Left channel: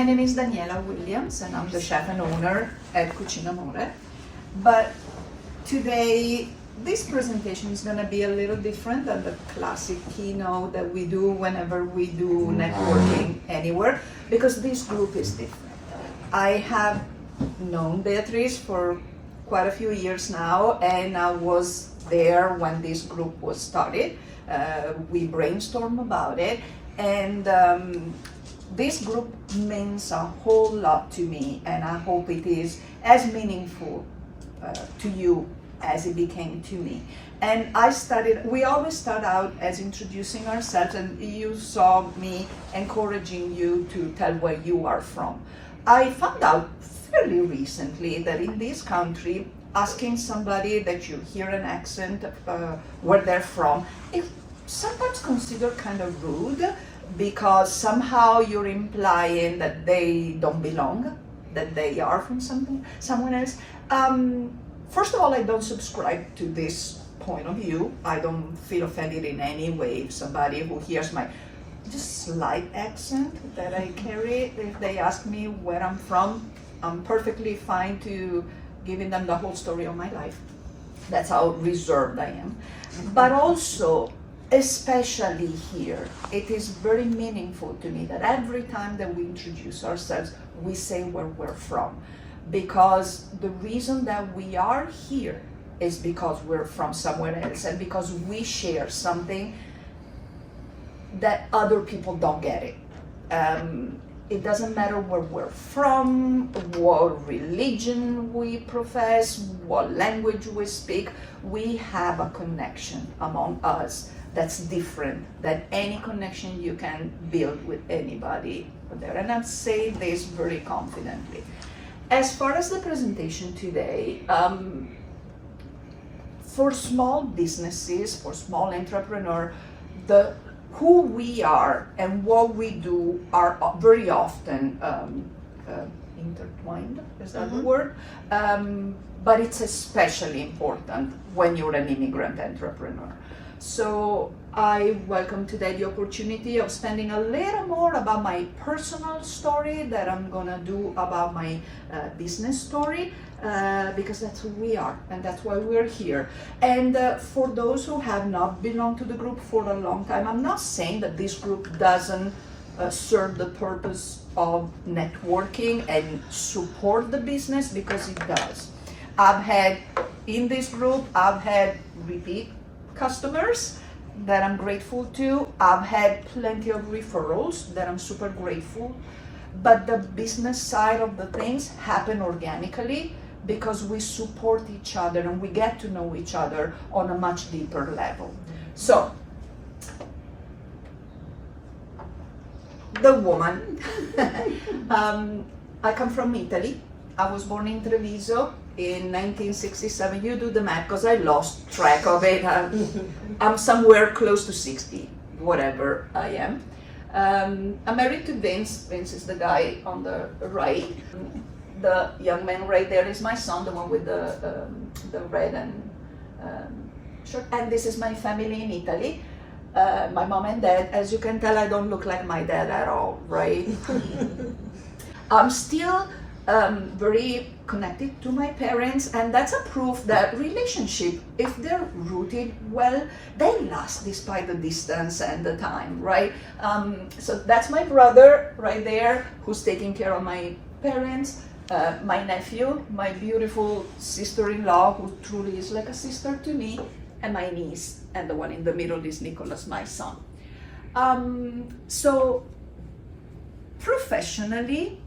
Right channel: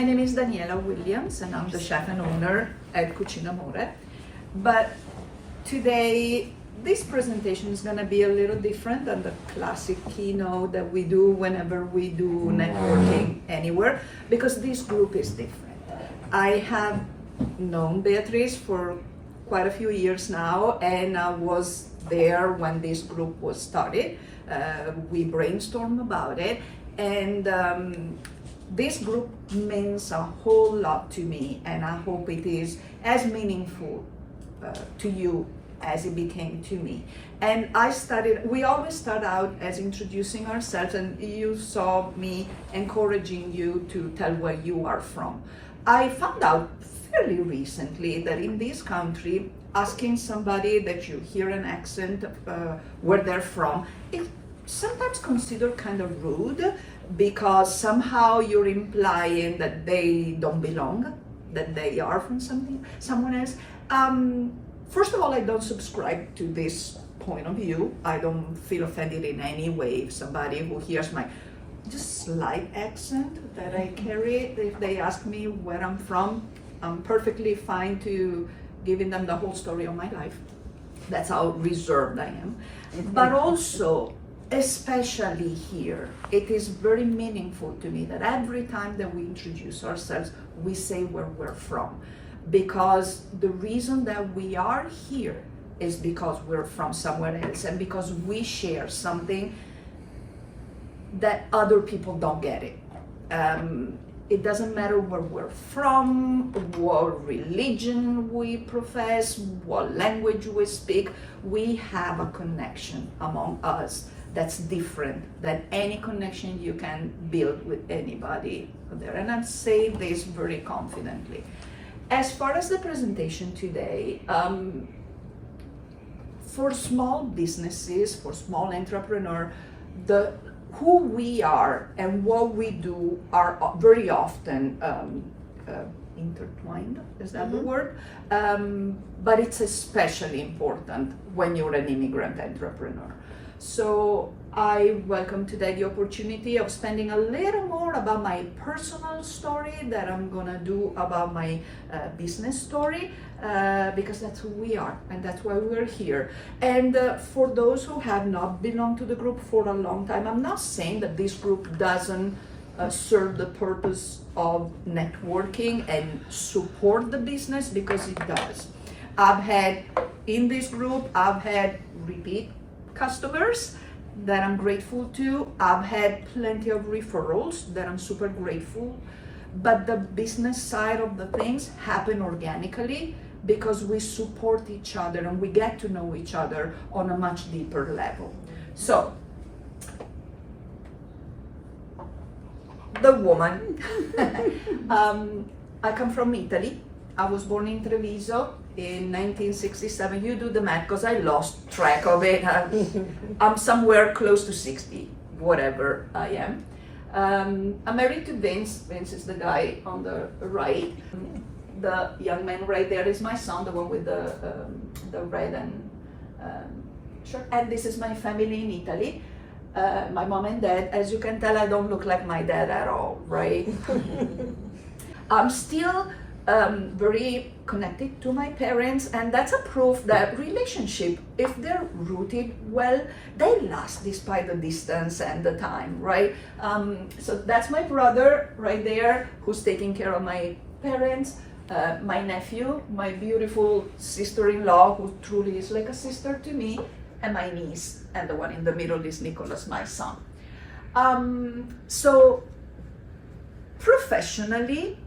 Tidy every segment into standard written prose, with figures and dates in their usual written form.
my name is Daniela Williams, and I'm the chef and owner at Cucinamore. But today, this presentation is going to be a little different than the classic keynote that we do whenever we do networking anywhere, because this group is different. I have known Beatrice for quite a few years now, and I was there when this group was started. We brainstormed about it, and this group means a whole lot to me, and I hope it is as meaningful to you as it became to me. And we always start out as introducing ourselves, and you saw me encouraging you to tell where you are from. I found out fairly recently that in this country, asking somebody that you hear an accent where they're from, it's sometimes considered kind of rude, because somehow you're implying that they don't belong, that they are from someone else. First of all, I don't subscribe to this point of view. I don't feel offended in any way if somebody who hears my just slight accent that I carry, if they ask me where I'm from, I'm perfectly fine to giving them the whole story of my life. That's how reserved I am. But also, especially here, it is very meaningful to me that every time that we introduce ourselves, we say where we're from. Because the reason that we are here is because we're from somewhere else, and because we share something that other people don't get it. It doesn't matter where we're from, what religion we profess, what language we speak, we have a connection among us that's different than any connection you can build with anybody there. And I'm saying this very confidently. As far as the presentation today, for small businesses, for small entrepreneurs, who we are and what we do are very often intertwined, is that the word? But it's especially important when you're an immigrant entrepreneur. So I welcome today the opportunity of spending a little more about my personal story that I'm gonna do about my business story, because that's who we are and that's why we're here. And for those who have not belonged to the group for a long time, I'm not saying that this group doesn't serve the purpose of networking and support the business, because it does. In this group, I've had repeat customers that I'm grateful to. I've had plenty of referrals that I'm super grateful. But the business side of the things happen organically because we support each other and we get to know each other on a much deeper level. So, the woman. I come from Italy. I was born in Treviso in 1967. You do the math, because I lost track of it. I'm somewhere close to 60, whatever I am. I'm married to Vince. Vince is the guy on the right. The young man right there is my son, the one with the red and shirt. And this is my family in Italy. My mom and dad. As you can tell, I don't look like my dad at all, right? I'm still very connected to my parents, and that's a proof that relationship, if they're rooted well, they last despite the distance and the time, right? So that's my brother right there who's taking care of my parents, my nephew, my beautiful sister-in-law who truly is like a sister to me, and my niece, and the one in the middle is Nicholas, my son. So professionally,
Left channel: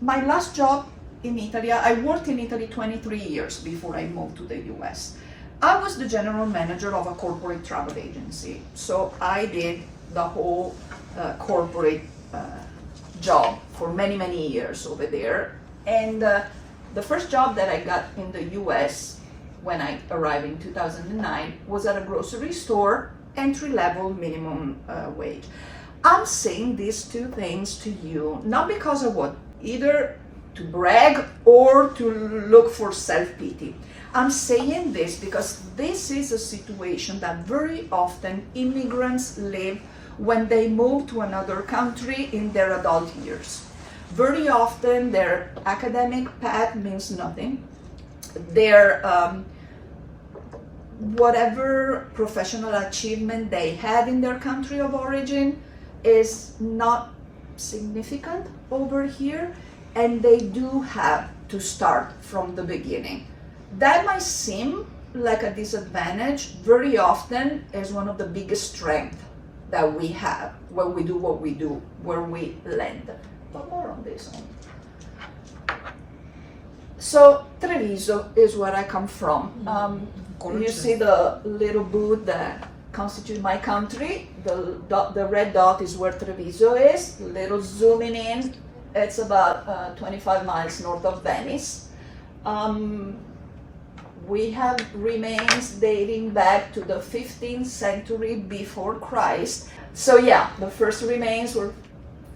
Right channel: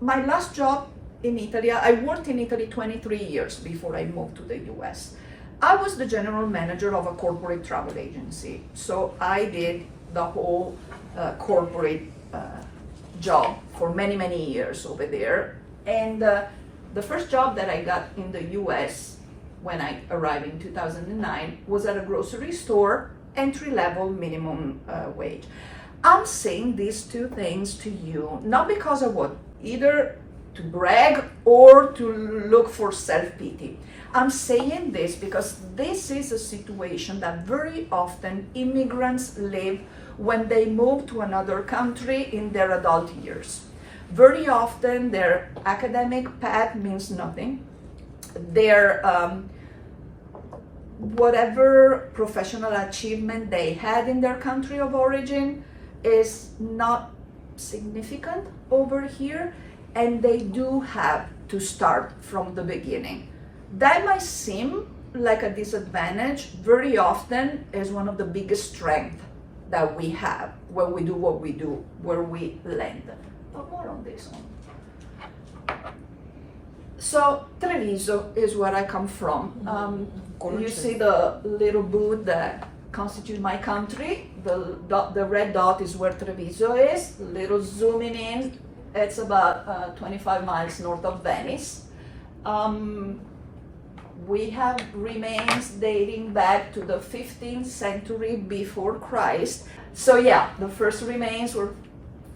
my last job in Italy, I worked in Italy 23 years before I moved to the US. I was the general manager of a corporate travel agency. So I did the whole corporate job for many, many years over there. And the first job that I got in the US when I arrived in 2009 was at a grocery store, entry-level minimum wage. I'm saying these two things to you, not because of what, either to brag or to look for self-pity. I'm saying this because this is a situation that very often immigrants live when they move to another country in their adult years. Very often their academic path means nothing. Their whatever professional achievement they had in their country of origin is not significant over here, and they do have to start from the beginning. That might seem like a disadvantage. Very often is one of the biggest strengths that we have when we do what we do, where we land. But more on this one. So Treviso is where I come from. You see the little booth that constitutes my country. The red dot is where Treviso is. Little zooming in, it's about 25 miles north of Venice. We have remains dating back to the 15th century before Christ. So yeah, the first remains were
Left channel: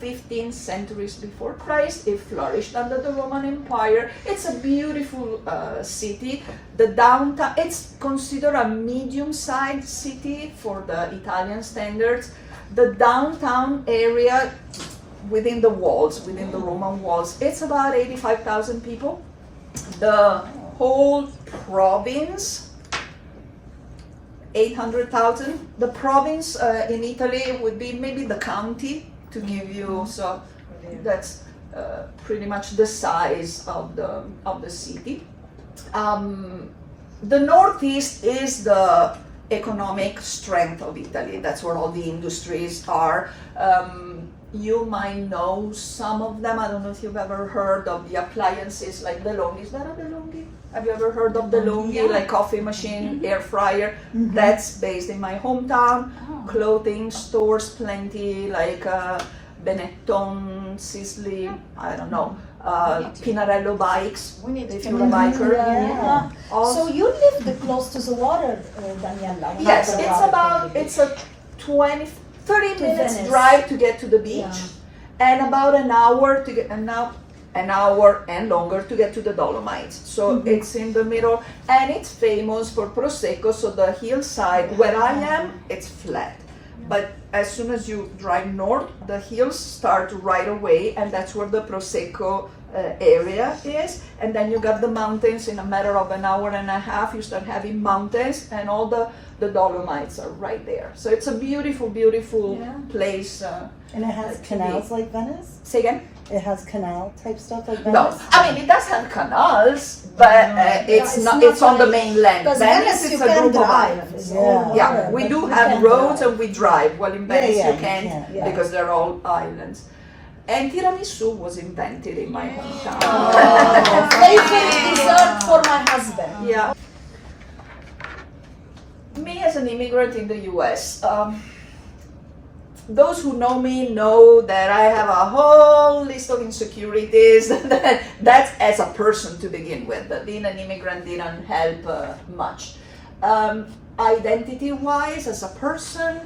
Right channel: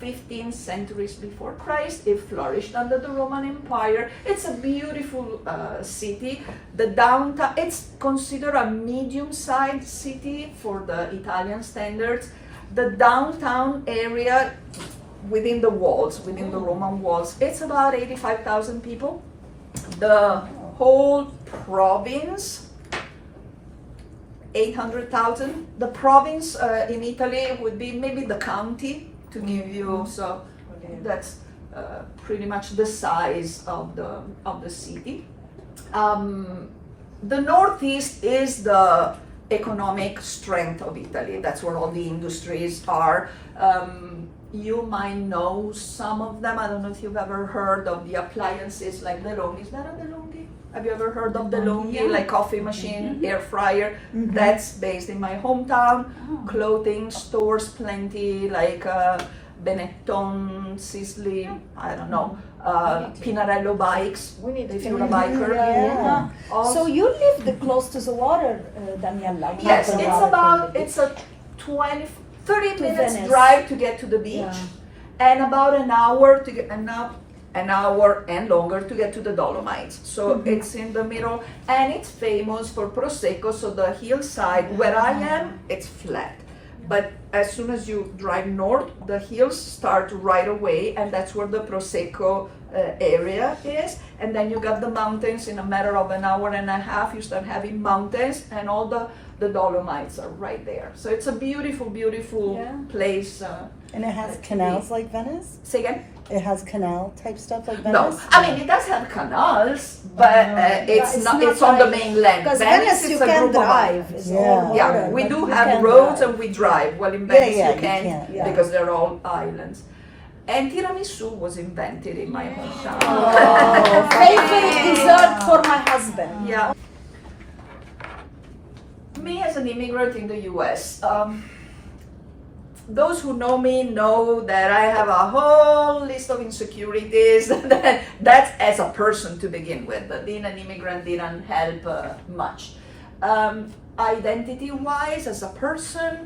15 centuries before Christ. It flourished under the Roman Empire. It's a beautiful city. The downtown, it's considered a medium-sized city for the Italian standards. The downtown area within the walls, within the Roman walls, it's about 85,000 people. The whole province, 800,000. The province in Italy would be maybe the county, to give you, so that's pretty much the size of the city. The Northeast is the economic strength of Italy. That's where all the industries are. You might know some of them. I don't know if you've ever heard of the appliances like DeLonghi. Is that a DeLonghi? Have you ever heard of DeLonghi? Yeah. Like coffee machine, air fryer. That's based in my hometown. Clothing stores, plenty, like Benetton, Sisley, I don't know. Pinarello bikes, if you're a biker. So you live close to the water, Daniela? Yes, it's a 30 minutes drive to get to the beach, and about an hour to get an hour and longer to get to the Dolomites. So it's in the middle, and it's famous for Prosecco. So the hillside where I am, it's flat. But as soon as you drive north, the hills start right away, and that's where the Prosecco area is. And then you got the mountains. In a matter of an hour and a half, you start having mountains, and all the Dolomites are right there. So it's a beautiful, beautiful place. And it has canals like Venice? Say again? It has canal type stuff like Venice? No, I mean it does have canals, but it's not. It's on the mainland. Venice is a group of islands. Yeah, we do have roads and we drive. Well, in Venice you can't because they're all islands. And tiramisu was invented in my hometown. Favorite dessert for my husband. Yeah. Me as an immigrant in the U.S., those who know me know that I have a whole list of insecurities. That's as a person to begin with. But being an immigrant didn't help much. Identity-wise, as a person,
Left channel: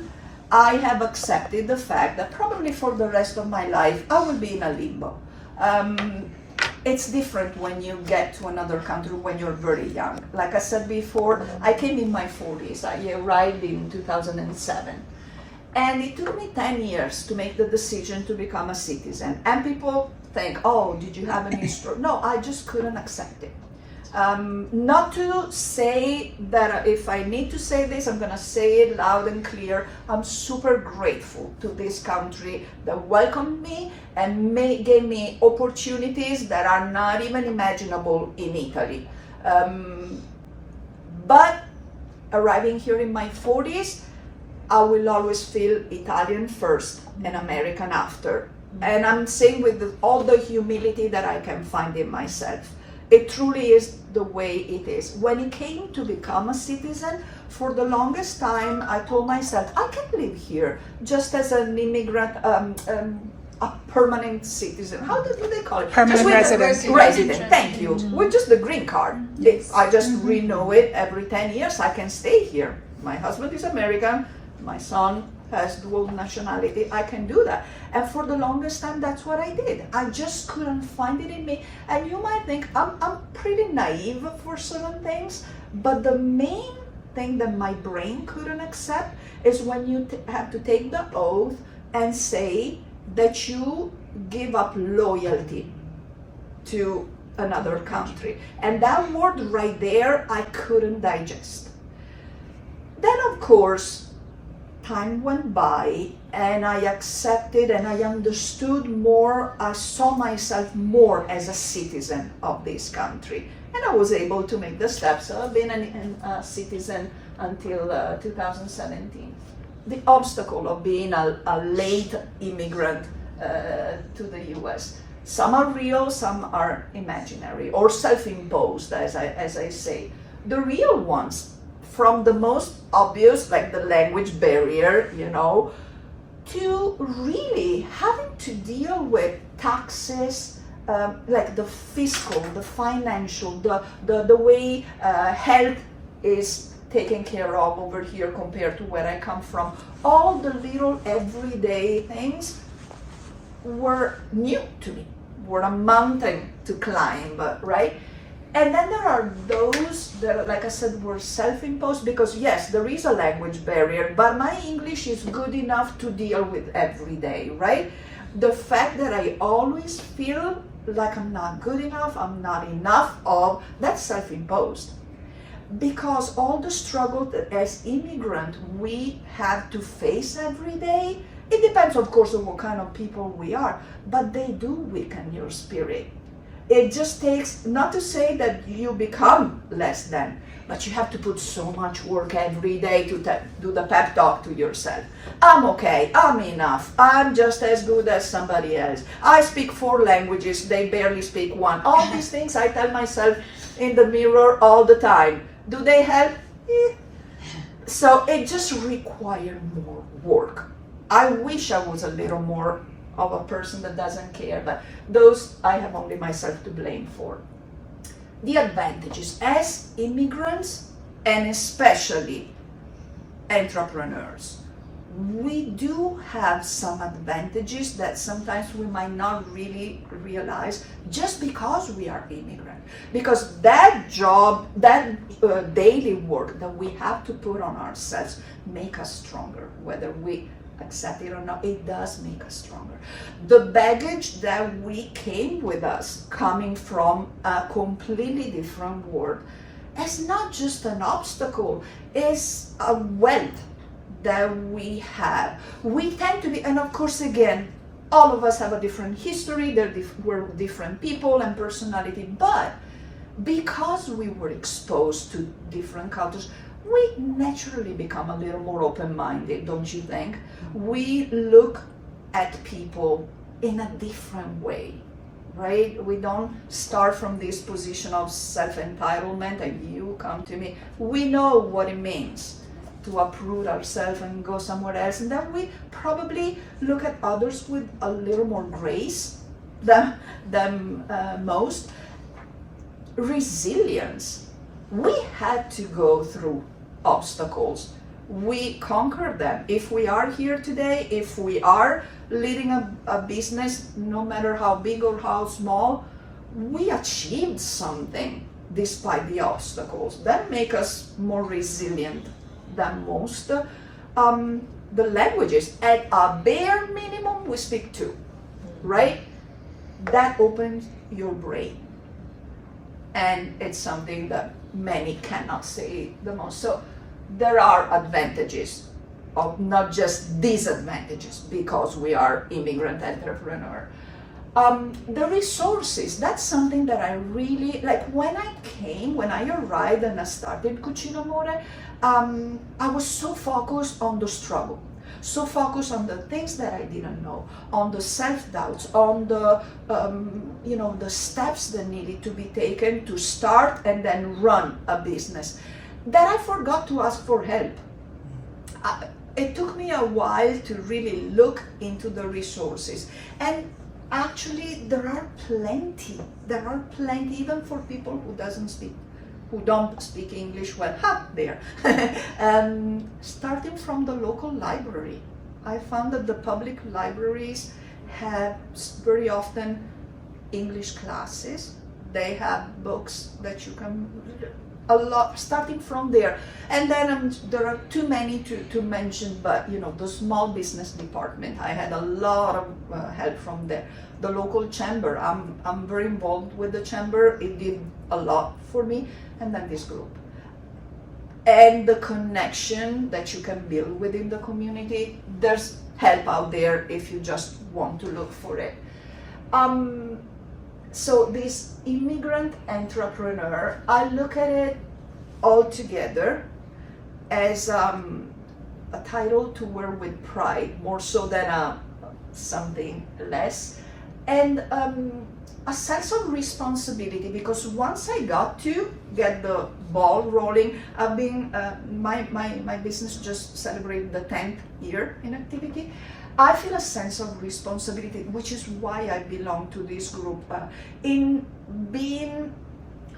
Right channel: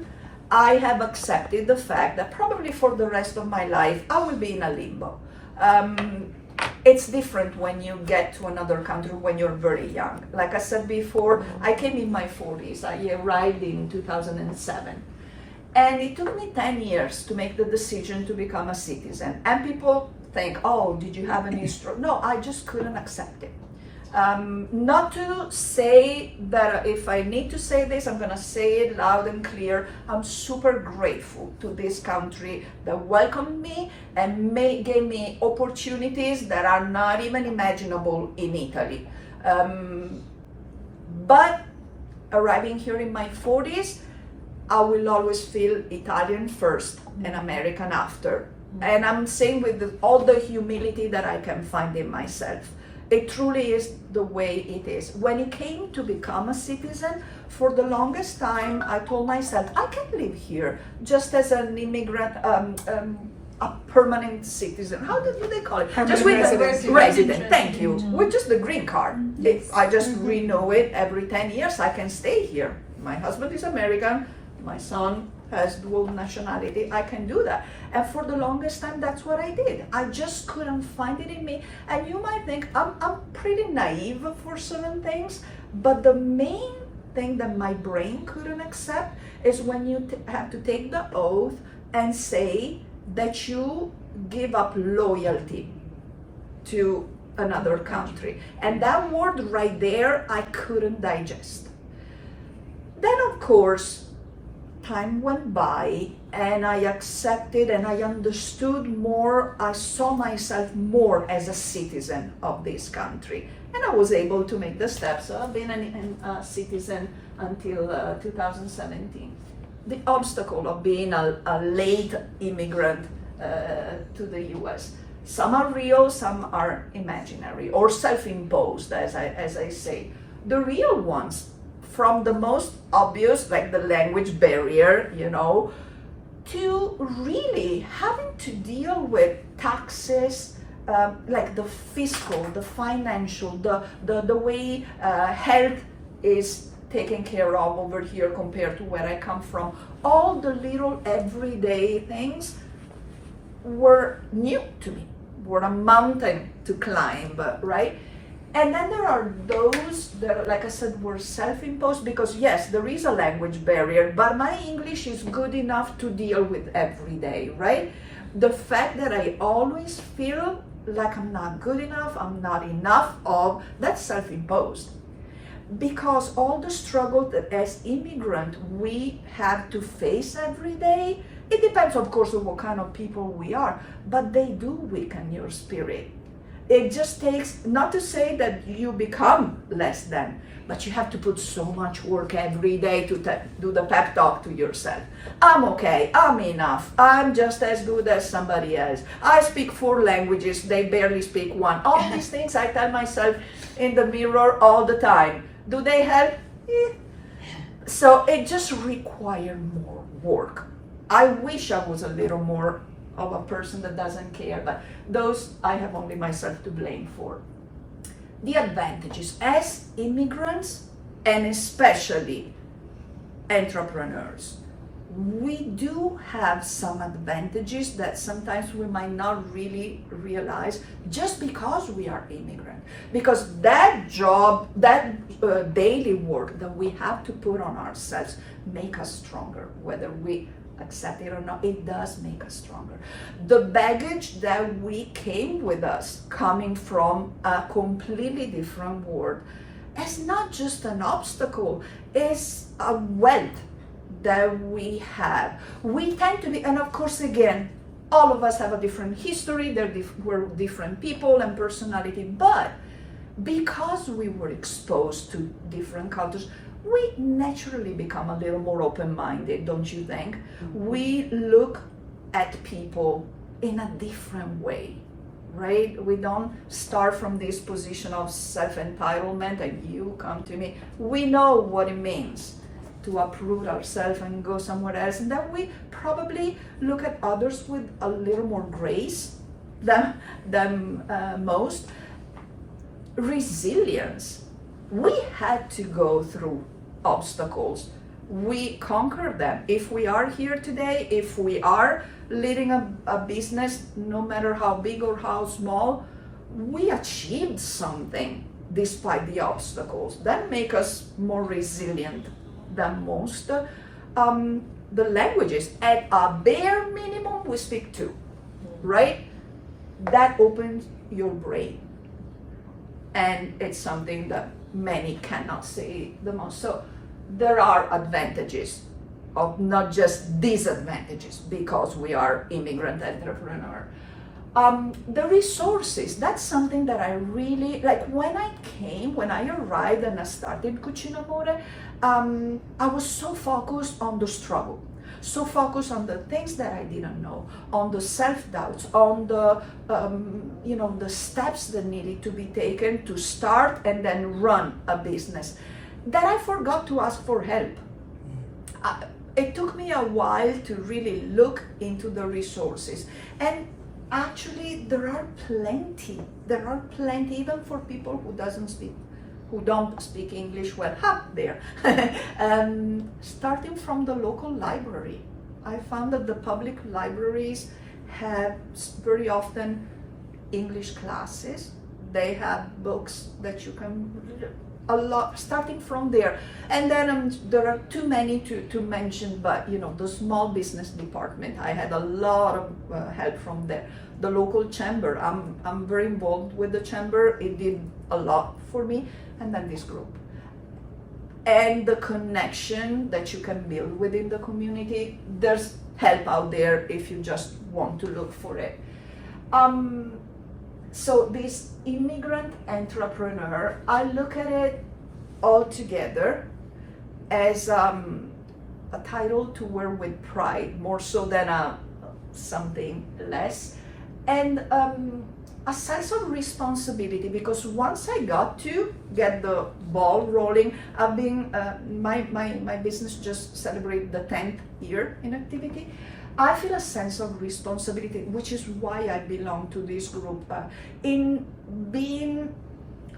I have accepted the fact that probably for the rest of my life, I will be in a limbo. It's different when you get to another country when you're very young. Like I said before, I came in my 40s. I arrived in 2007. And it took me 10 years to make the decision to become a citizen. And people think, oh, did you have any stroke? No, I just couldn't accept it. Not to say that if I need to say this, I'm gonna say it loud and clear. I'm super grateful to this country that welcomed me and gave me opportunities that are not even imaginable in Italy. But arriving here in my 40s, I will always feel Italian first and American after. And I'm saying with all the humility that I can find in myself. It truly is the way it is. When it came to become a citizen, for the longest time, I told myself, I can live here just as an immigrant, a permanent citizen. How do they call it? Permanent resident. Resident, thank you. With just the green card. I just renew it every 10 years. I can stay here. My husband is American. My son has dual nationality. I can do that. And for the longest time, that's what I did. I just couldn't find it in me. And you might think I'm pretty naive for certain things, but the main thing that my brain couldn't accept is when you have to take the oath and say that you give up loyalty to another country. And that word right there, I couldn't digest. Then, of course, time went by and I accepted and I understood more. I saw myself more as a citizen of this country. And I was able to make the steps of being a citizen until 2017. The obstacle of being a late immigrant to the US. Some are real, some are imaginary or self-imposed, as I say. The real ones, from the most obvious, like the language barrier, to really having to deal with taxes, like the fiscal, the financial, the way health is taken care of over here compared to where I come from. All the little everyday things were new to me, were a mountain to climb, right? And then there are those that, like I said, were self-imposed, because yes, there is a language barrier, but my English is good enough to deal with every day, right? The fact that I always feel like I'm not good enough, I'm not enough of, that's self-imposed. Because all the struggle that as immigrant we have to face every day, it depends of course on what kind of people we are, but they do weaken your spirit. It just takes, not to say that you become less than, but you have to put so much work every day to do the pep talk to yourself. I'm okay, I'm enough, I'm just as good as somebody else. I speak 4 languages, they barely speak 1. All these things I tell myself in the mirror all the time. Do they help? So it just required more work. I wish I was a little more of a person that doesn't care, but those I have only myself to blame for. The advantages as immigrants, and especially entrepreneurs, we do have some advantages that sometimes we might not really realize just because we are immigrant. Because that job, that daily work that we have to put on ourselves make us stronger, whether we accept it or not, it does make us stronger. The baggage that we came with us, coming from a completely different world, is not just an obstacle, it's a wealth that we have. We tend to be, and of course again, all of us have a different history, we're different people and personality, but because we were exposed to different cultures, we naturally become a little more open-minded, don't you think? We look at people in a different way, right? We don't start from this position of self-entitlement and you come to me. We know what it means to uproot ourselves and go somewhere else, and then we probably look at others with a little more grace than most. Resilience. We had to go through obstacles. We conquered them. If we are here today, if we are leading a business, no matter how big or how small, we achieved something despite the obstacles. That make us more resilient than most. The languages, at a bare minimum, we speak 2, right? That opens your brain. And it's something that many cannot say the most. So there are advantages, of not just disadvantages, because we are immigrant entrepreneur. The resources, that's something that I really, like when I arrived and I started Cucinamore, I was so focused on the struggle. So focused on the things that I didn't know, on the self-doubts, on the the steps that needed to be taken to start and then run a business, that I forgot to ask for help. It took me a while to really look into the resources, and actually there are plenty, even for people who don't speak English well. There. Starting from the local library, I found that the public libraries have very often English classes. They have books that you can a lot, starting from there. And then there are too many to mention, but you know, the small business department, I had a lot of help from there. The local chamber, I'm very involved with the chamber, it did a lot for me. And then this group. And the connection that you can build within the community, there's help out there if you just want to look for it. So this immigrant entrepreneur, I look at it all together as a title to wear with pride, more so than something less, and a sense of responsibility, because once I got to get the ball rolling, I've been, my business just celebrated the 10th year in activity. I feel a sense of responsibility, which is why I belong to this group, in being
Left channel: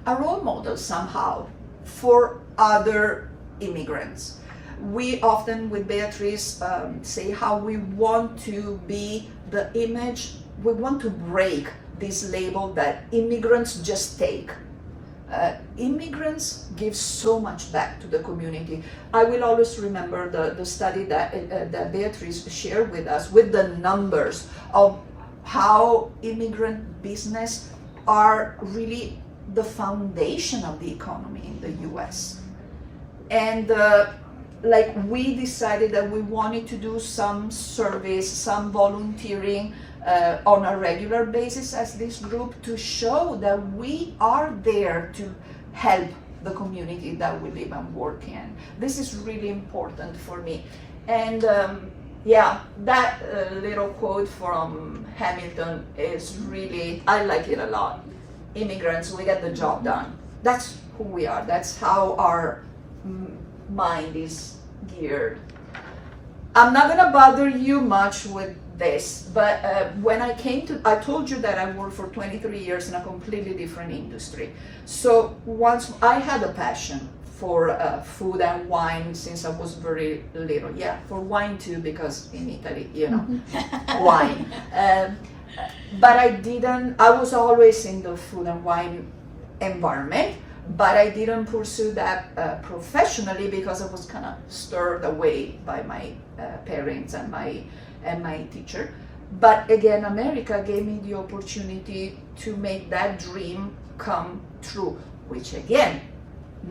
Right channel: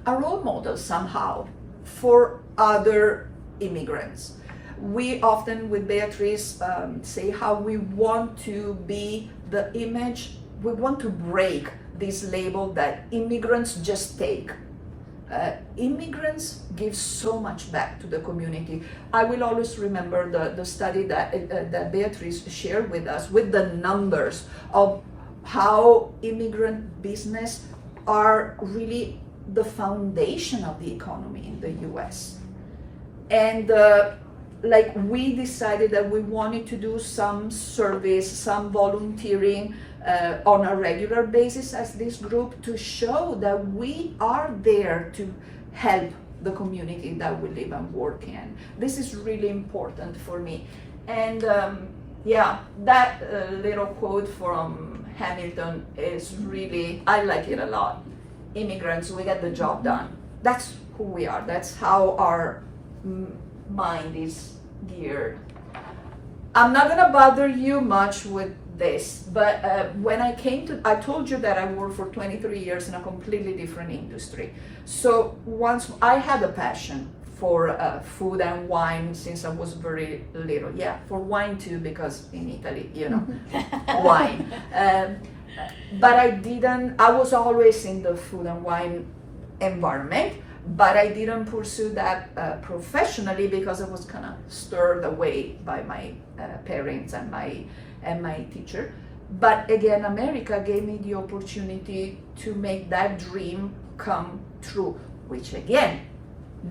a role model somehow for other immigrants. We often with Beatrice say how we want to be the image, we want to break this label that immigrants just take. Immigrants give so much back to the community. I will always remember the study that Beatrice shared with us, with the numbers of how immigrant business are really the foundation of the economy in the US. And like we decided that we wanted to do some service, some volunteering on a regular basis as this group, to show that we are there to help the community that we live and work in. This is really important for me. And yeah, that little quote from Hamilton is really, I like it a lot. Immigrants, we get the job done. That's who we are. That's how our mind is geared. I'm not gonna bother you much with this, but when I came to, I told you that I worked for 23 years in a completely different industry. So once I had a passion for food and wine since I was very little. Yeah, for wine too, because in Italy, you know, wine. But I was always in the food and wine environment, but I didn't pursue that professionally because I was kind of stirred away by my parents and my teacher. But again, America gave me the opportunity to make that dream come true, which again,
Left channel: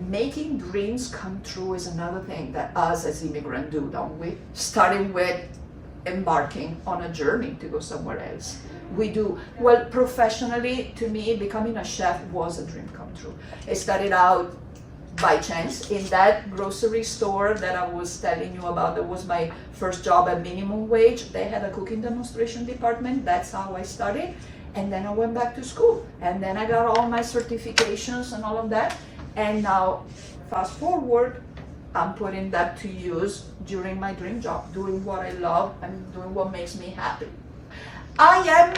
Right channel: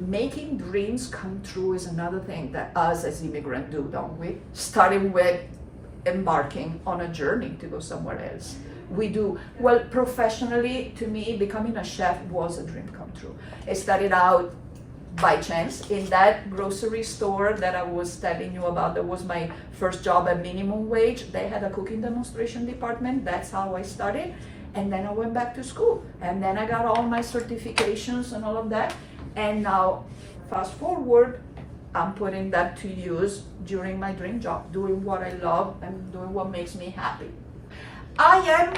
making dreams come true is another thing that us as immigrants do, don't we? Starting with embarking on a journey to go somewhere else. We do. Well, professionally, to me, becoming a chef was a dream come true. It started out by chance in that grocery store that I was telling you about. That was my first job at minimum wage. They had a cooking demonstration department. That's how I started. And then I went back to school. And then I got all my certifications and all of that. And now, fast forward, I'm putting that to use during my dream job, doing what I love and doing what makes me happy. I am,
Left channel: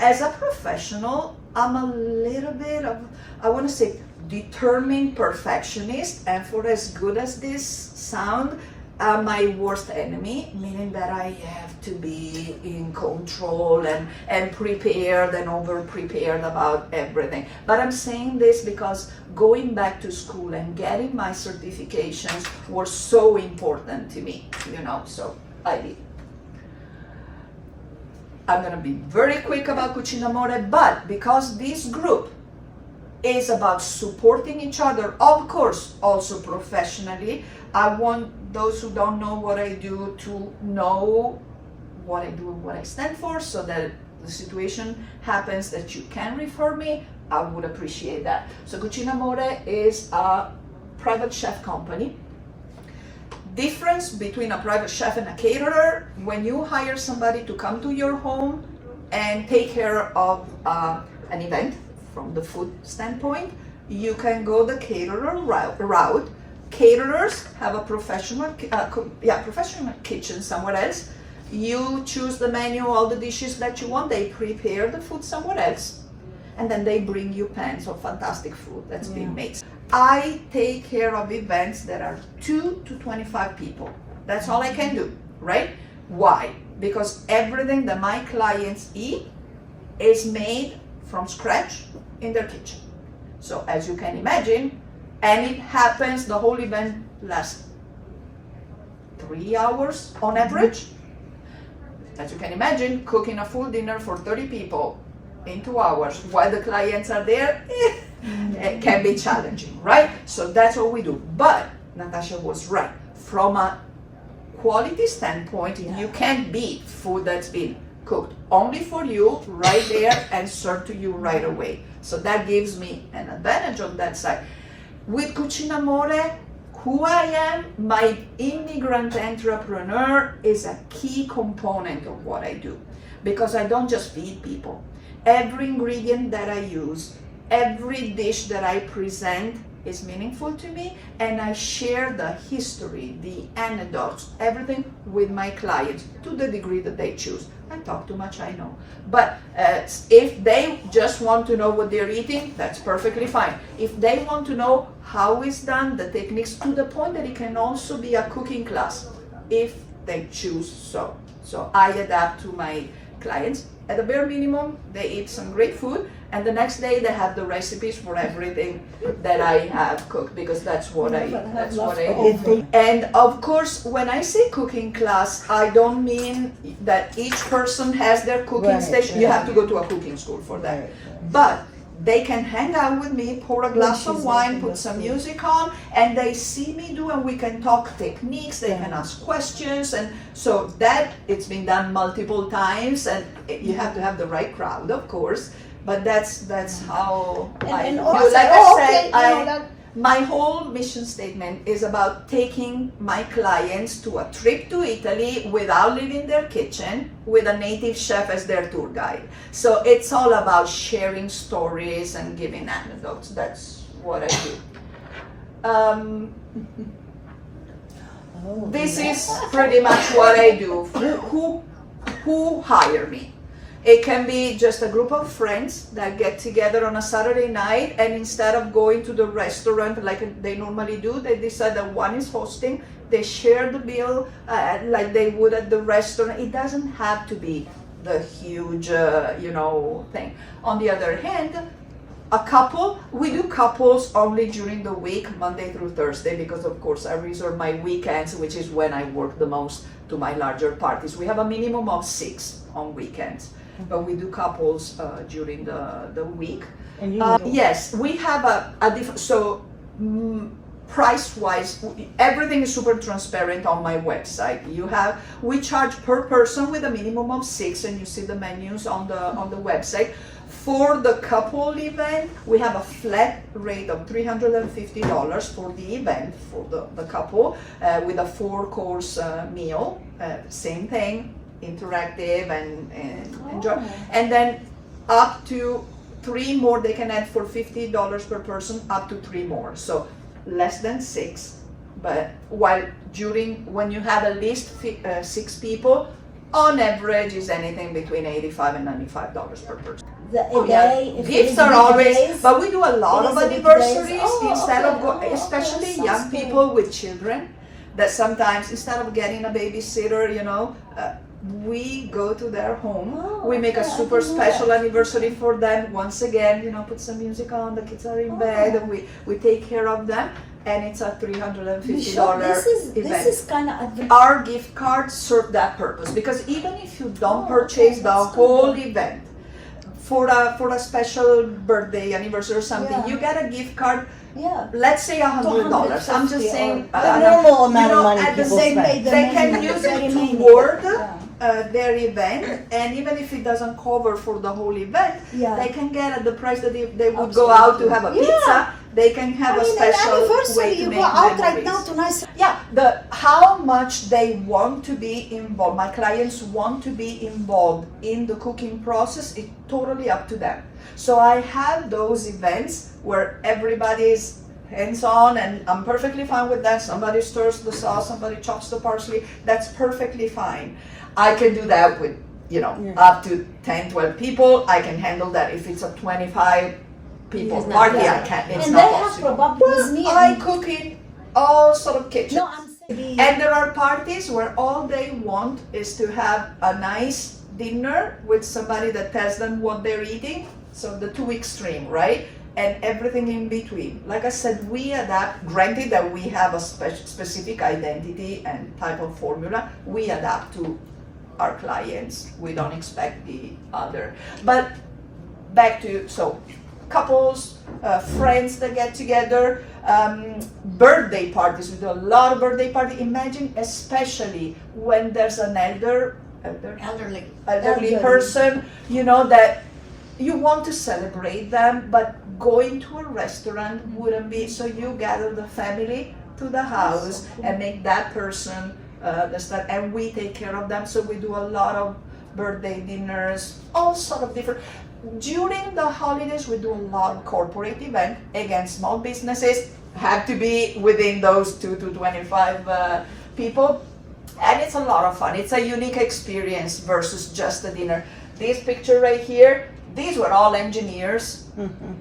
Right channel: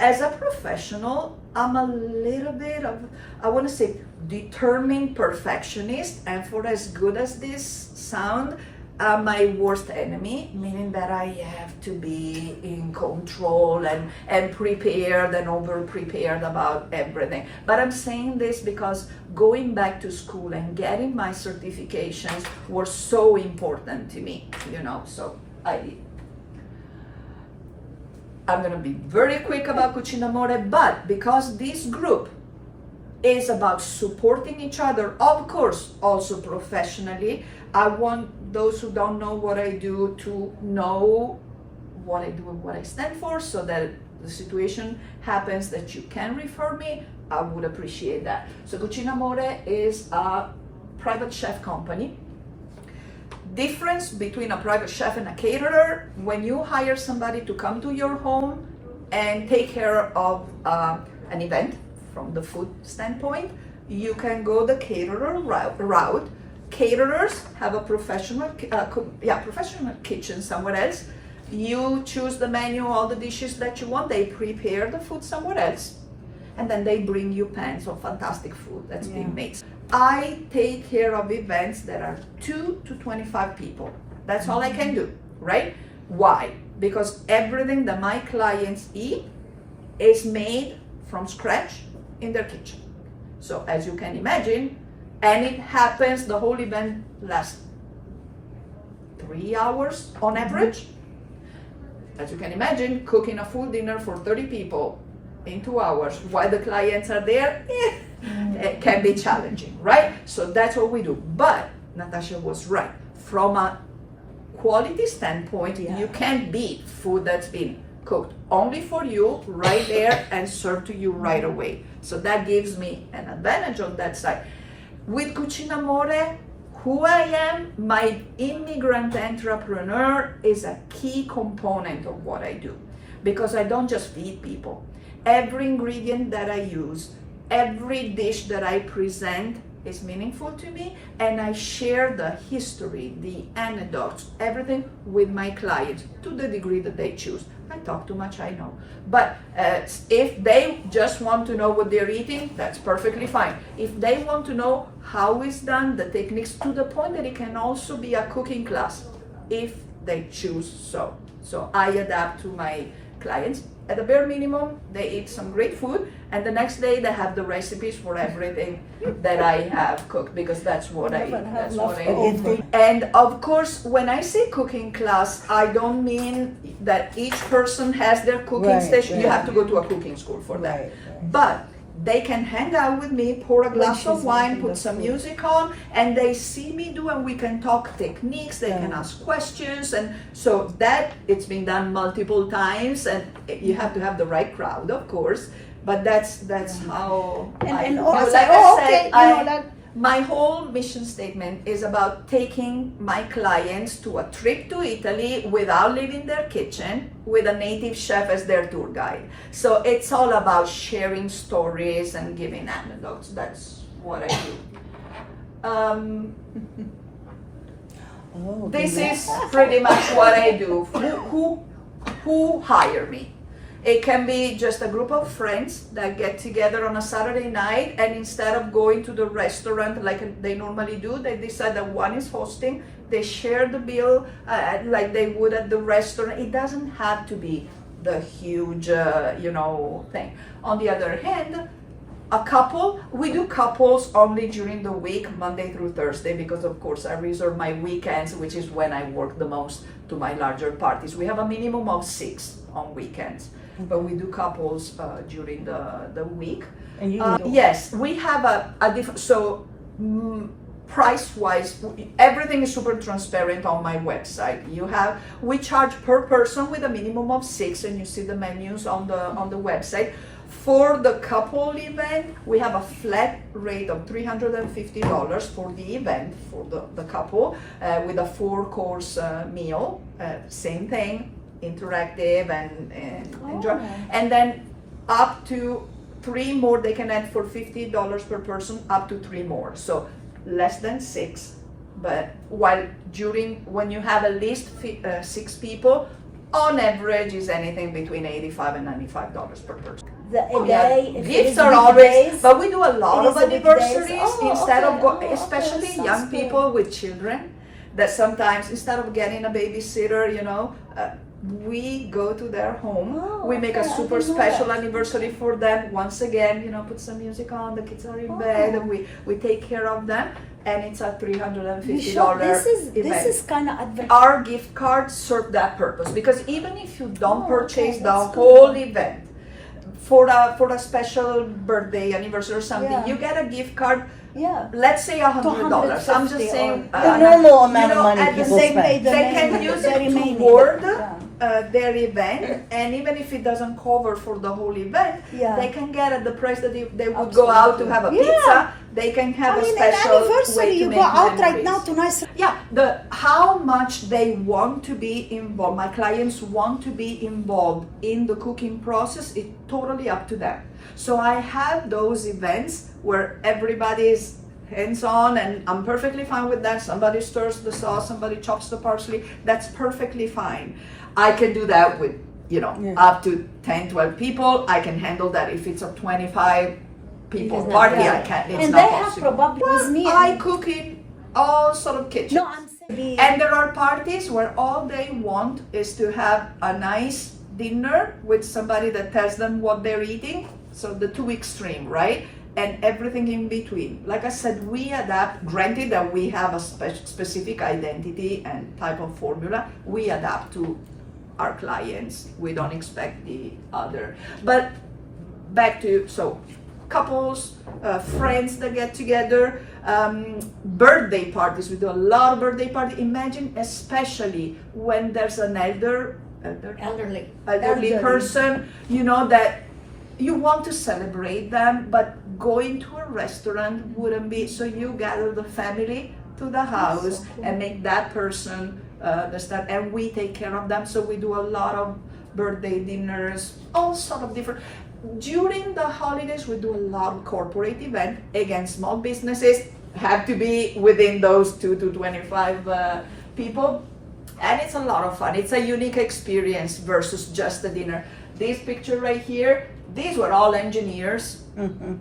as a professional, I'm a little bit of, I want to say, determined perfectionist, and for as good as this sound, my worst enemy, meaning that I have to be in control and prepared and over prepared about everything. But I'm saying this because going back to school and getting my certifications were so important to me, you know, so I did. I'm gonna be very quick about Cucinamore, but because this group is about supporting each other, of course, also professionally, I want those who don't know what I do to know what I do and what I stand for, so that the situation happens that you can refer me, I would appreciate that. So Cucinamore is a private chef company. Difference between a private chef and a caterer: when you hire somebody to come to your home and take care of an event from the food standpoint, you can go the caterer route. Caterers have a professional kitchen somewhere else. You choose the menu, all the dishes that you want, they prepare the food somewhere else, and then they bring you pans of fantastic food that's being made. I take care of events that are 2 to 25 people. That's all I can do, right? Why? Because everything that my clients eat is made from scratch in their kitchen. So as you can imagine, And it happens, the whole event lasts 3 hours on average. As you can imagine, cooking a full dinner for 30 people in 2 hours while the clients are there, it can be challenging, right? So that's what we do. But Natasha was right. From a quality standpoint, you can't beat food that's been cooked only for you right there and served to you right away. So that gives me an advantage on that side. With Cucinamore, who I am, my immigrant entrepreneur is a key component of what I do, because I don't just feed people. Every ingredient that I use, every dish that I present is meaningful to me, and I share the history, the anecdotes, everything with my clients to the degree that they choose. I talk too much, I know. But if they just want to know what they're eating, that's perfectly fine. If they want to know how it's done, the techniques, to the point that it can also be a cooking class, if they choose so. So I adapt to my clients. At the bare minimum, they eat some great food, and the next day they have the recipes for everything that I have cooked, because that's what I do. And of course, when I say cooking class, I don't mean that each person has their cooking station. You have to go to a cooking school for that. But they can hang out with me, pour a glass of wine, put some music on, and they see me do, and we can talk techniques, they can ask questions, and so that it's been done multiple times, and you have to have the right crowd, of course, but that's how I do. Like I said, my whole mission statement is about taking my clients to a trip to Italy without leaving their kitchen, with a native chef as their tour guide. So it's all about sharing stories and giving anecdotes. That's what I do. This is pretty much what I do. Who hire me? It can be just a group of friends that get together on a Saturday night, and instead of going to the restaurant like they normally do, they decide that one is hosting, they share the bill like they would at the restaurant. It doesn't have to be the huge, thing. On the other hand, a couple, we do couples only during the week, Monday through Thursday, because of course I reserve my weekends, which is when I work the most, to my larger parties. We have a minimum of 6 on weekends, but we do couples during the week. And yes, we have a different, so price-wise, everything is super transparent on my website. We charge per person with a minimum of 6, and you see the menus on the website. For the couple event, we have a flat rate of $350 for the event, for the couple, with a 4-course meal. Same thing, interactive and enjoy. And then up to 3 more, they can add for $50 per person, up to 3 more. So less than 6, but when you have at least 6 people, on average is anything between $85 and $95 per person. Gifts are always, but we do a lot of anniversaries instead of especially young people with children, that sometimes instead of getting a babysitter, we go to their home. We make a super special anniversary for them. Once again, put some music on, the kids are in bed, and we take care of them. And it's a $350 event. This is kind of our gift cards serve that purpose, because even if you don't purchase the whole event for a special birthday, anniversary or something, you get a gift card. Let's say $100. I'm just saying, at the same time, they can use it toward their event, and even if it doesn't cover for the whole event, they can get at the price that they would go out to have a pizza. They can have a special way to make memories. How much they want to be involved, my clients want to be involved in the cooking process, is totally up to them. So I have those events where everybody's hands-on, and I'm perfectly fine with that. Somebody stirs the sauce, somebody chops the parsley, that's perfectly fine. I can do that with, up to 10, 12 people. I can handle that. If it's a 25 people party, I can't, it's not possible. I cook in all sort of kitchens. And there are parties where all they want is to have a nice dinner with somebody that tells them what they're eating. So the 2 extreme, right? and everything in between. Like I said, we adapt, granted that we have a specific identity and type of formula, we adapt to our clients. We don't expect the other. But back to, so couples, friends that get together, birthday parties. We do a lot of birthday parties. Imagine, especially when there's an elderly person, you know, that you want to celebrate them, but going to a restaurant wouldn't be. So you gather the family to the house and make that person and we take care of them. So we do a lot of birthday dinners, all sort of different. During the holidays, we do a lot of corporate events. Again, small businesses have to be within those 2 to 25 people. And it's a lot of fun. It's a unique experience versus just a dinner. This picture right here, these were all engineers.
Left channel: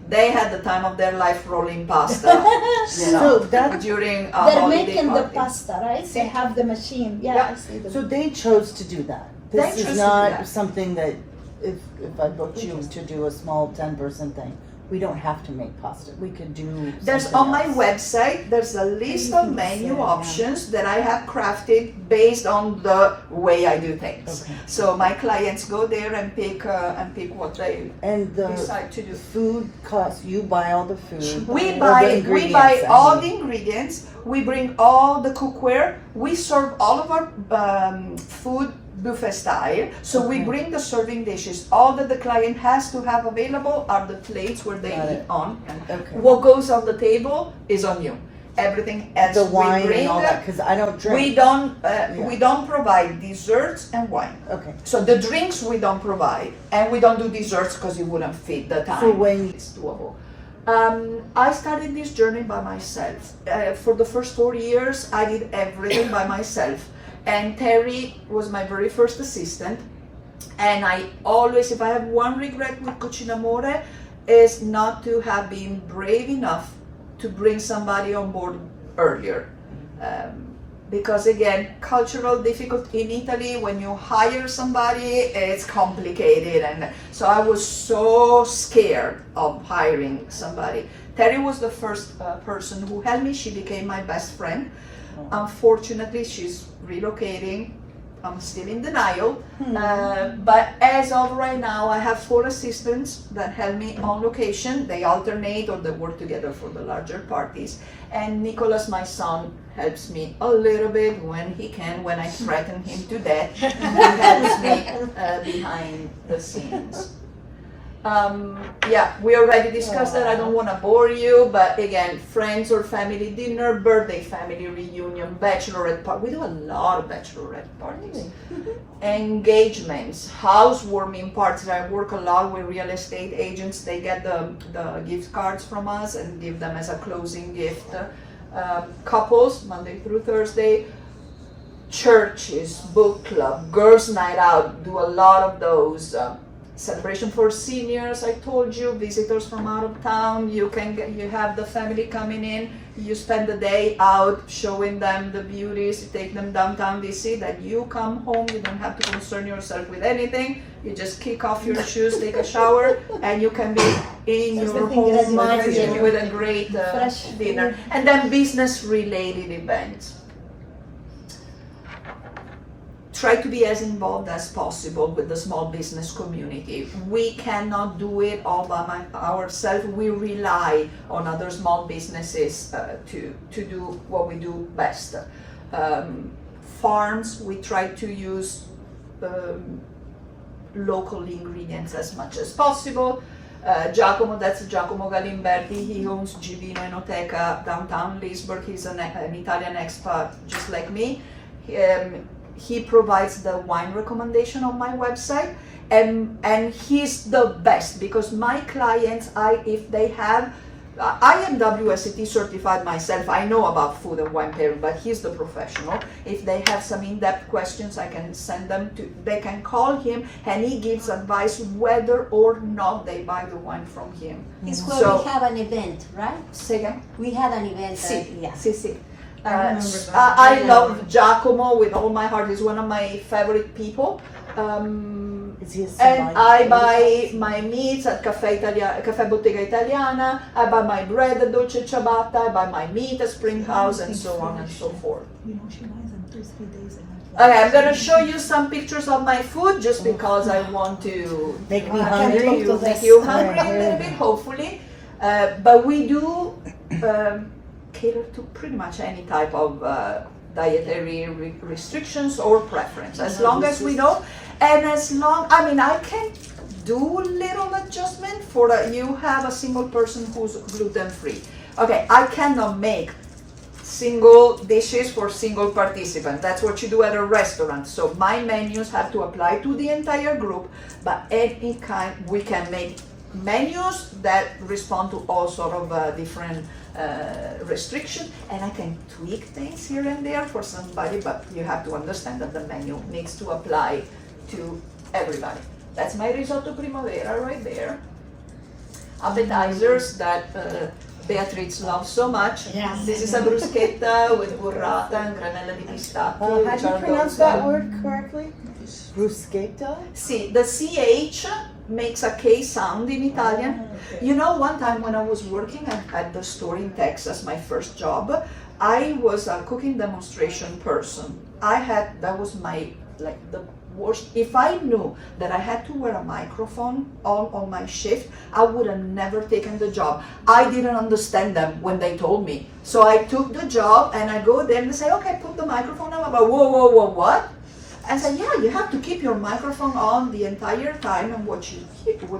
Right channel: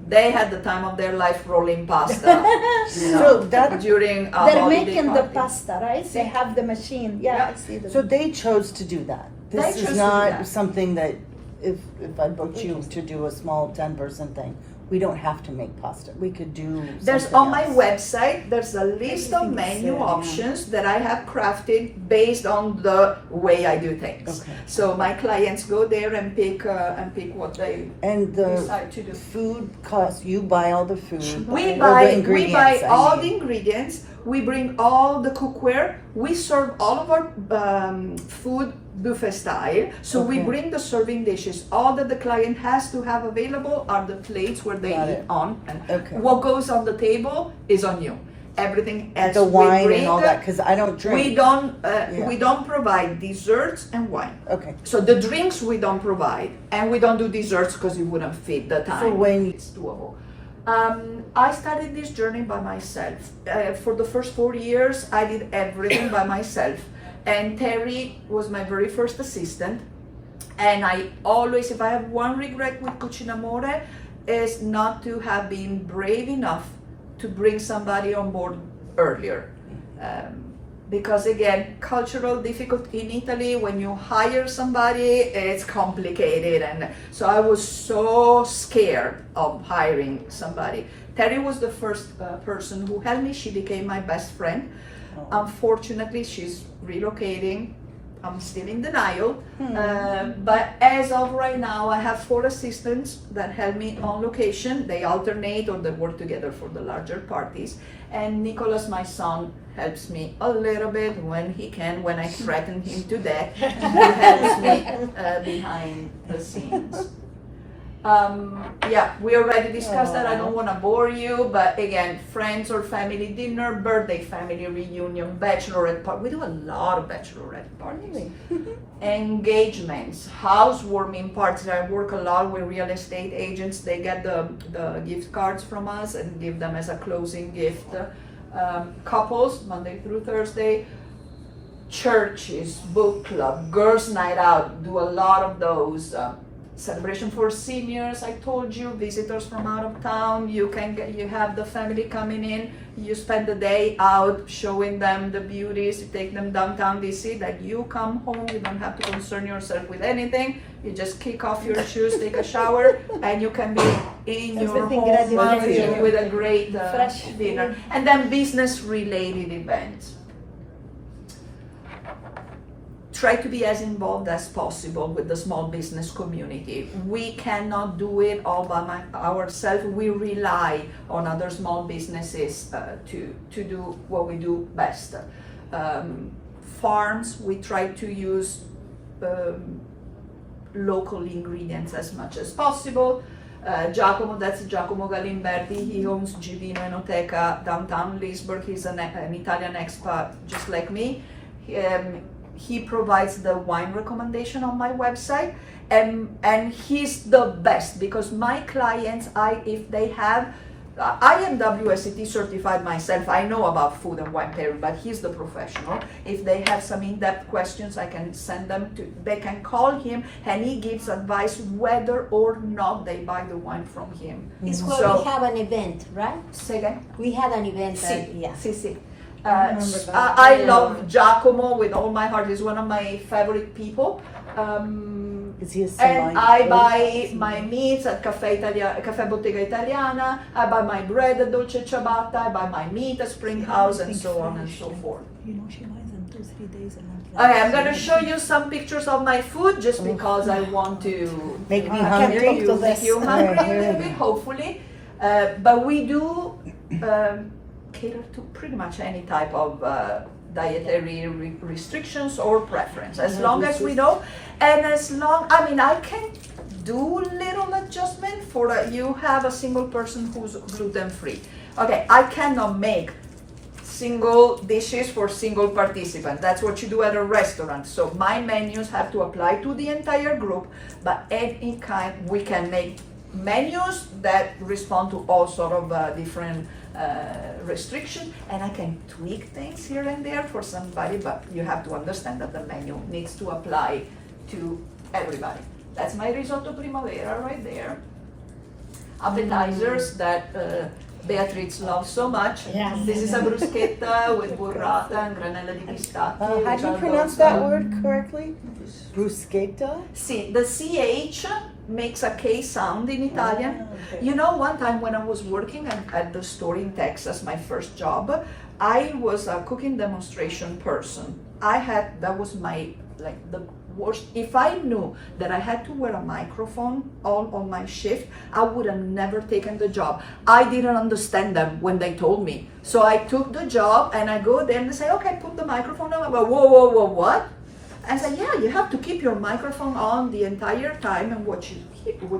They had the time of their life rolling pasta, you know, during a They're holiday making party. the pasta, right? They have the machine. Yeah, Yeah. I see them. So they chose to do that. They This chose to is do not that. something that if I booked you to do a small 10-person thing, we don't have to make pasta. We could do. There's something on my else. website, there's a list of menu Yeah. options that I have crafted based on the way I do things. Okay. So my clients go there and pick what they And the decide to do. food costs. You buy all the food. We Or the buy ingredients, I all mean. the ingredients. We bring all the cookware. We serve all of our food buffet style. So we Okay. bring the serving dishes. All that the client has to have available are the plates where they Got eat it. on. And Okay. what goes on the table is on you. Everything else The we wine bring. and all that, because I don't drink. We don't provide desserts and wine. Okay. So the drinks we don't provide, and we don't do desserts because it wouldn't fit the time. So when It's doable. I started this journey by myself. For the first 4 years, I did everything by myself. And Terry was my very first assistant. And I always, if I have one regret with Cucinamore, is not to have been brave enough to bring somebody on board earlier. Because again, cultural difficulty in Italy, when you hire somebody, it's complicated. And so I was so scared of hiring somebody. Terry was the first person who helped me. She became my best friend. Unfortunately, she's relocating. I'm still in denial. But as of right now, I have 4 assistants that help me on location. They alternate or they work together for the larger parties. And Nicholas, my son, helps me a little bit when he can, when I threaten him to death. He helps me behind the scenes. Yeah, we already discussed that. I don't want to bore you, but again, friends or family dinner, birthday family reunion, bachelorette party. We do a lot of bachelorette parties. Engagements, housewarming parties. I work a lot with real estate agents. They get the gift cards from us and give them as a closing gift. Couples, Monday through Thursday. Churches, book club, girls' night out. Do a lot of those. Celebration for seniors, I told you, visitors from out of town, you have the family coming in, you spend the day out showing them the beauties, you take them downtown DC, that you come home, you don't have to concern yourself with anything, you just kick off your shoes, take a shower, and you can be in your home with a great dinner. And then business related events. Try to be as involved as possible with the small business community. We cannot do it all by ourselves. We rely on other small businesses to do what we do best. Farms, we try to use local ingredients as much as possible. Giacomo, that's Giacomo Galimberti. He owns Givino Enoteca downtown Leesburg. He's an Italian expat just like me. He provides the wine recommendation on my website, and he's the best because my clients, if they have, I am IBWC certified myself. I know about food and wine pairing, but he's the professional. If they have some in-depth questions, I can send them to. They can call him, and he gives advice whether or not they buy the wine from him. It's where So- we have an event, right? Say again. We had an event. Yeah. Sì. I remember that. I love Giacomo with all my heart. He's one of my favorite people. Is he a And I semi- buy my meats at Caffè Bottega Italiana, I buy my bread at Dolce Ciabatta, I buy my meat at Spring House, and so on and so forth. You know, she buys them 2-3 days and Okay, I'm gonna show you some pictures of my food just because I want to Make me to hungry. make you hungry Right, a little right. bit, hopefully. But we do cater to pretty much any type of dietary restrictions or preference, as long as we know, and as long, I mean, I can do little adjustment for you have a single person who's gluten free. Okay, I cannot make single dishes for single participant. That's what you do at a restaurant. So my menus have to apply to the entire group, but any kind, we can make menus that respond to all sort of different restrictions, and I can tweak things here and there for somebody, but you have to understand that the menu needs to apply to everybody. That's my risotto primavera right there. Appetizers that Beatrice loves so much. Yes. This is a bruschetta with burrata and granella di pistacchio. How which do you are pronounce those, that word correctly? Bruschetta? See, the CH makes a K sound in Italian. You know, one time when I was working at the store in Texas, my first job, I was a cooking demonstration person. That was my, like, the worst. If I knew that I had to wear a microphone on my shift, I would have never taken the job. I didn't understand them when they told me. So I took the job and I go there and they say, okay, put the microphone on. I'm like, whoa, what? I said, yeah, you have to keep your microphone on the entire time, and what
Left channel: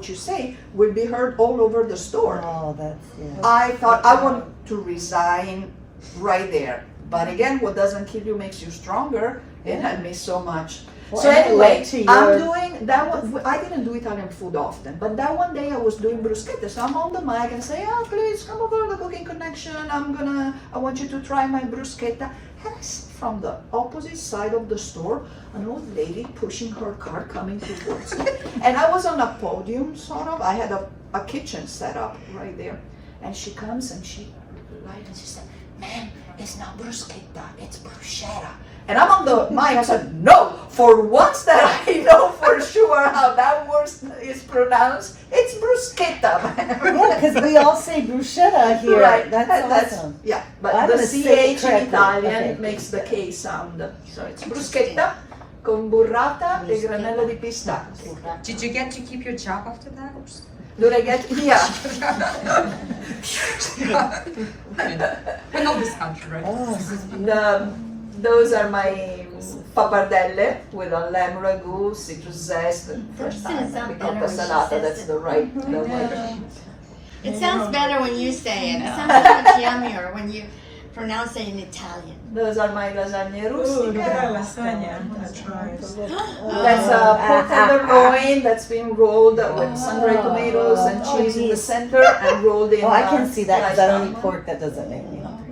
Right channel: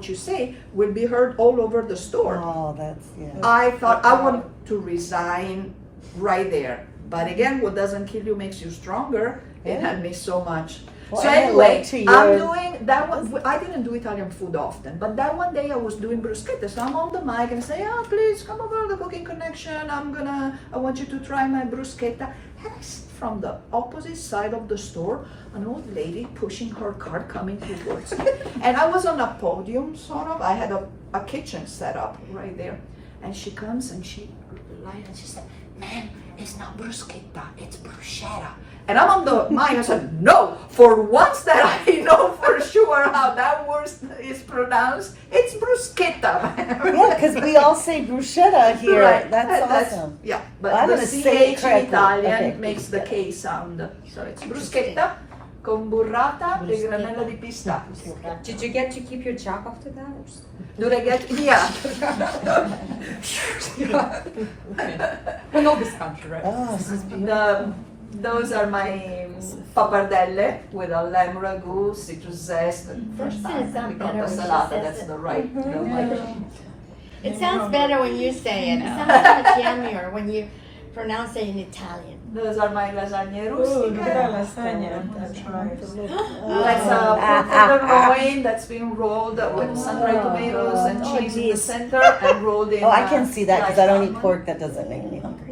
you say will be heard all over the store. Oh, that's, yeah. I thought I want to resign right there. But again, what doesn't kill you makes you stronger. It had me so much. Well, So I anyway, went to I'm your- doing that one. I didn't do Italian food often, but that one day I was doing bruschetta. So I'm on the mic and say, oh, please come over to the Cooking Connection. I want you to try my bruschetta. And I see from the opposite side of the store, an old lady pushing her cart coming towards me. And I was on a podium, sort of. I had a kitchen set up right there. And she comes and she said, ma'am, it's not bruschetta, it's bruschetta. And I'm on the mic, I said, no, for once that I know for sure how that word is pronounced, it's bruschetta. Yeah, because we all say bruschetta here. Right, That's awesome. Yeah, but I'm the gonna say it CH in correctly. Italian Okay. makes the K sound. So it's bruschetta con burrata e granella di pistacchio. Did you get to keep your job after that? Do I get, yeah. We know this country, right? Oh, Those are my pappardelle with a lamb ragu, citrus zest, and fresh It's thyme, gonna sound ricotta better when she salata. says That's it. the right. It sounds better when you say it. It sounds so much yummier when you pronounce it in Italian. Those are my lasagne Ooh, look at that rustica. lasagna. That's right. That's a pork tenderloin that's been rolled with sun-dried tomatoes and cheese in the center and rolled in. Oh, I can see that because I don't eat sliced pork. That doesn't make me hungry.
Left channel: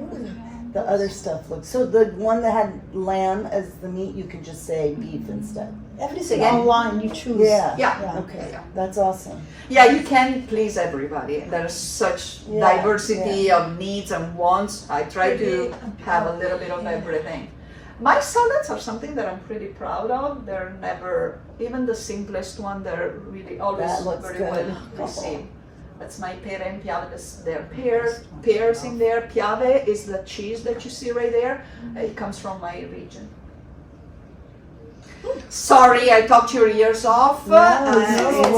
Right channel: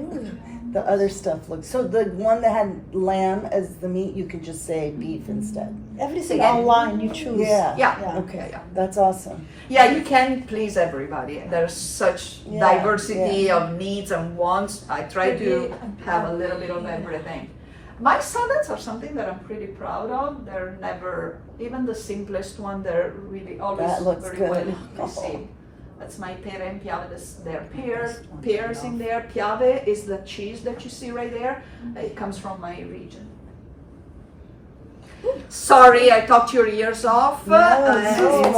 The other stuff looks, so the one that had lamb as the meat, you could just say beef instead. everything Again? online you choose. Yeah. Yeah. Okay, Yeah. that's awesome. Yeah, you can please everybody. There's such Yeah, diversity of needs and wants. I try to have a little bit of everything. My salads are something that I'm pretty proud of. They're never, even the simplest one, they're really always That looks very good. well received. That's my pere and piave. There are pears in there. Piave is the cheese that you see right there. It comes from my region. Sorry, I talked your ears off. No, It's